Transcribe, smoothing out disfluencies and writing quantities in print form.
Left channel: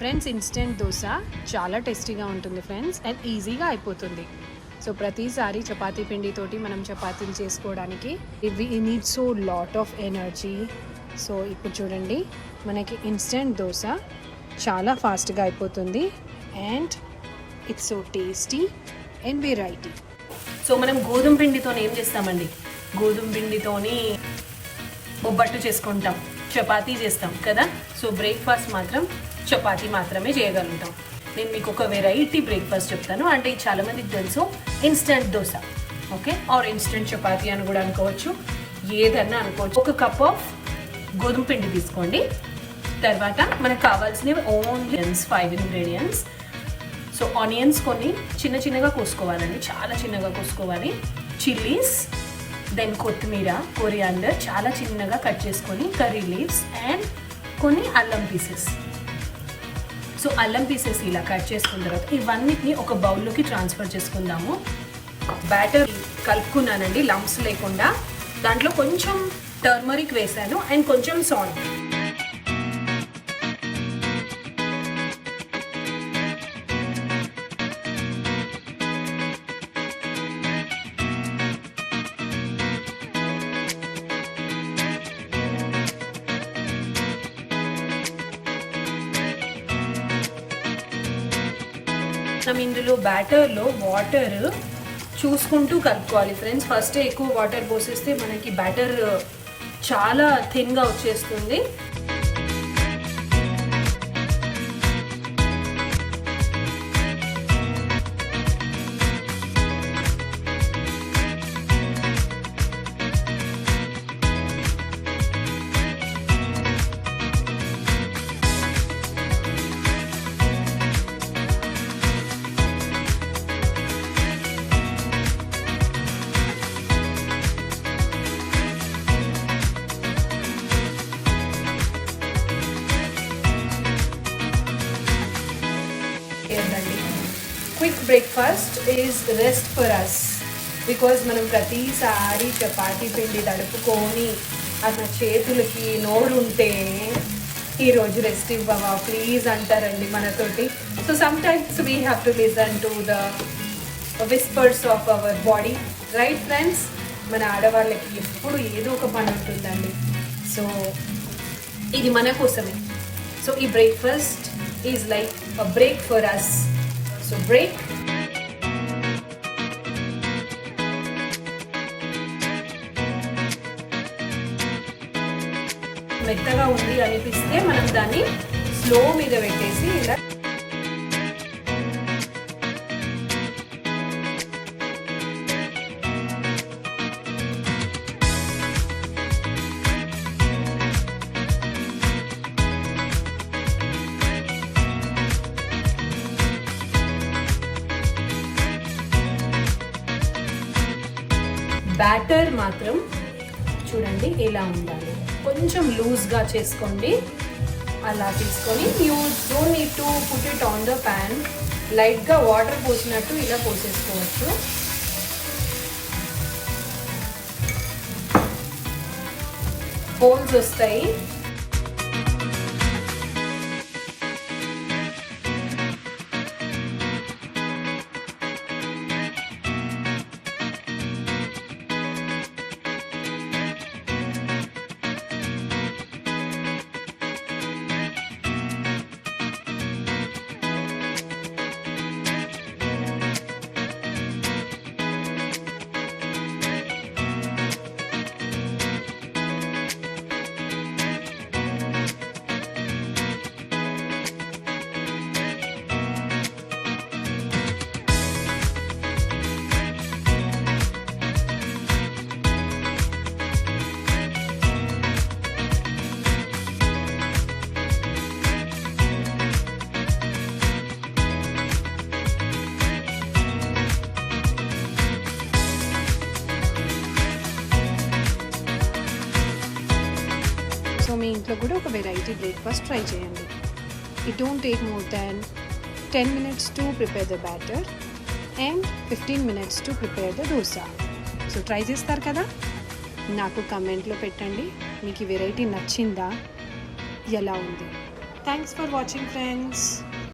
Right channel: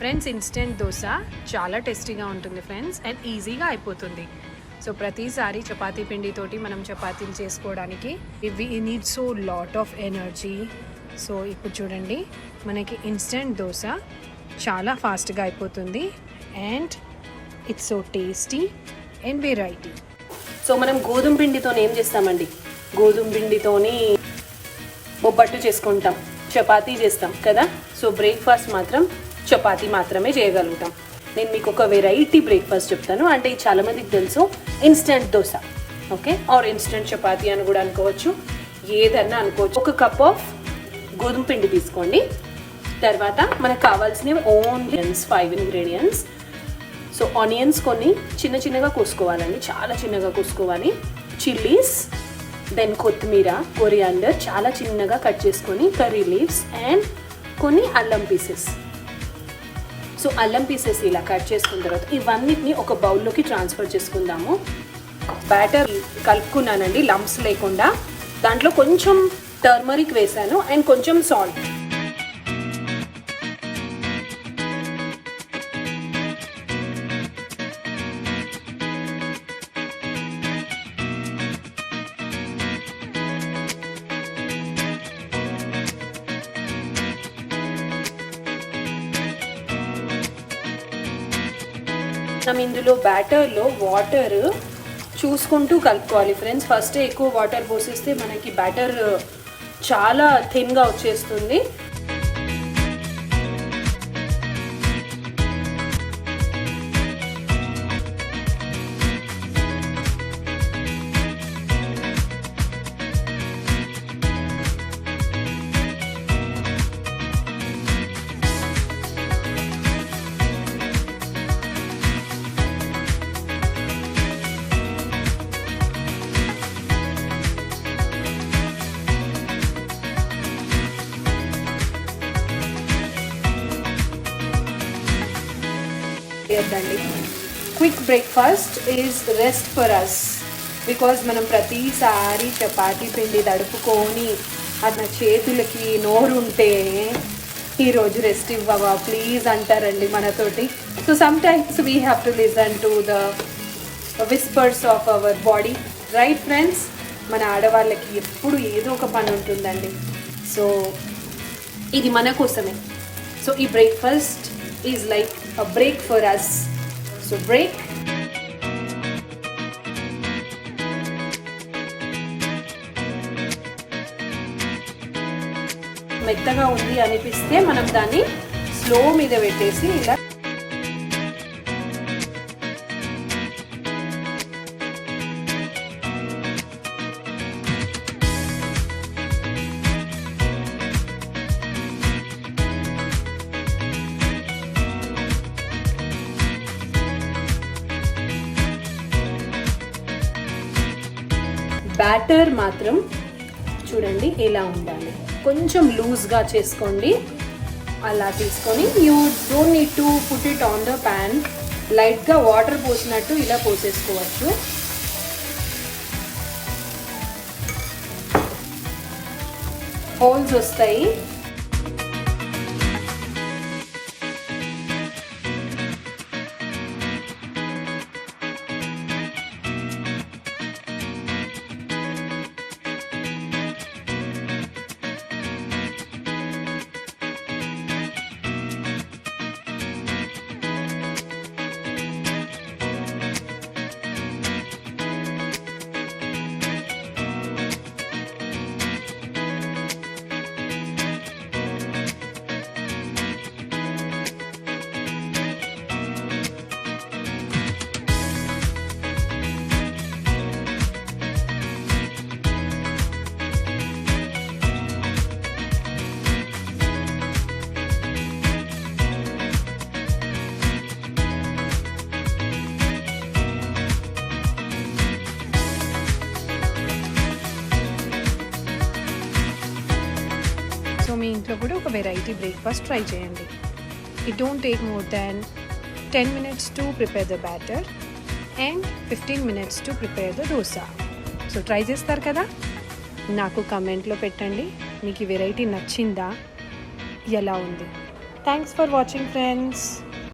Friends instant dosa చాలా టేస్టీగా ఉంటుంది ఫ్రెండ్స్, అండ్ ఈజీగా అయిపోతుంది. సో ప్రతిసారి చపాతీ పిండితోటి మనం చపాతీలు చేసుకోవడానికి ఇవి need so lot of energy. So ఇప్పుడు చూడండి, మనకి ఇన్స్టెంట్ దోశ చాలా ఫాస్ట్గా అయిపోతుంది and it's so tasty and variety. So మనం గోధుమ పిండితో ఏం చేస్తామండి, గోధుమ పిండితోని బొబ్బట్టు చేసుకుంటాం, చపాతీ చేస్తాం కదా. సో బ్రేక్ఫాస్ట్ మాత్రం చపాతీ మాత్రమే చేయగలుగుతాం. నేను మీకు ఒక వెరైటీ బ్రేక్ఫాస్ట్ చెప్తాను. అంటే ఇది చాలామందికి తెలుసు, instant dosa, okay, or instant chapati అని కూడా అనుకోవచ్చు, ఏదన్నా అనుకోవచ్చు. ఒక కప్ ఆఫ్ గోధుమ పిండి తీసుకోండి. తర్వాత మనకు కావాల్సినవి ఓన్లీ 5 ఇంగ్రీడియంట్స్. సో ఆనియన్స్ కొన్ని చిన్న చిన్నగా కోసుకోవాలండి, చాలా చిన్నగా కోసుకోవాలి. చిల్లీస్, దెన్ కొత్తిమీర, కొరియాండర్ చాలా చిన్నగా కట్ చేసుకొని, కర్రీ లీవ్స్ అండ్ కొన్ని అల్లం పీసెస్. సో అల్లం పీసెస్ ఇలా కట్ చేసుకున్న తర్వాత ఇవన్నిటిని ఒక బౌల్లోకి ట్రాన్స్ఫర్ చేసుకుందాము. బ్యాటర్ కలుపుకున్నానండి లంప్స్ లేకుండా. దాంట్లో కొంచెం టర్మరిక్ వేసాను అండ్ కొంచెం సాల్ట్. మనం ఇందులో బ్యాటర్లో వాటర్ చూసుకుంటూ కలుపుకోవాలి ఫ్రెండ్స్. ఫస్ట్ ఎక్కువ వాటర్ పోసేస్తే మనకి బ్యాటర్ చాలా థిన్గా వచ్చేస్తుంది. Quick breakfast is rest for us. Because మనం ప్రతిసారి చపాతీ పిండి తడుపుకొని అట్లా చేతులకి నోరుంటే ఈరోజు రెస్ట్ ఇవ్వవా ప్లీజ్ అంటారండి మనతోటి. So some times we have to listen to the whispers of our body, right friends? మన ఆడవాళ్ళకి ఎప్పుడు ఏదో ఒక పని ఉంటుందండి. సో ఇది మన కోసమే. సో ఈ breakfast is like a break for us. So break. మెత్తగా ఉంది అనిపిస్తే మనం దాన్ని స్లో మీద పెట్టేసి ఇలా బ్యాటర్ మాత్రం చూడండి ఇలా ఉండాలి, కొంచెం లూజ్గా చేసుకోండి. అలా తీసుకొని you don't need to put it on the pan. లైట్గా వాటర్ పోసినట్టు ఇలా పోసేసుకోవచ్చు. హోల్స్ వస్తాయి. సో మీ ఇంట్లో కూడా ఒక వెరైటీ బ్రేక్ఫాస్ట్ ట్రై చేయండి. It don't take more than 10 minutes to prepare the batter and 15 minutes to prepare the dosa. So try చేస్తారు కదా, నాకు కమెంట్లో పెట్టండి మీకు ఈ వెరైటీ నచ్చిందా, ఎలా ఉంది. Thanks for watching friends.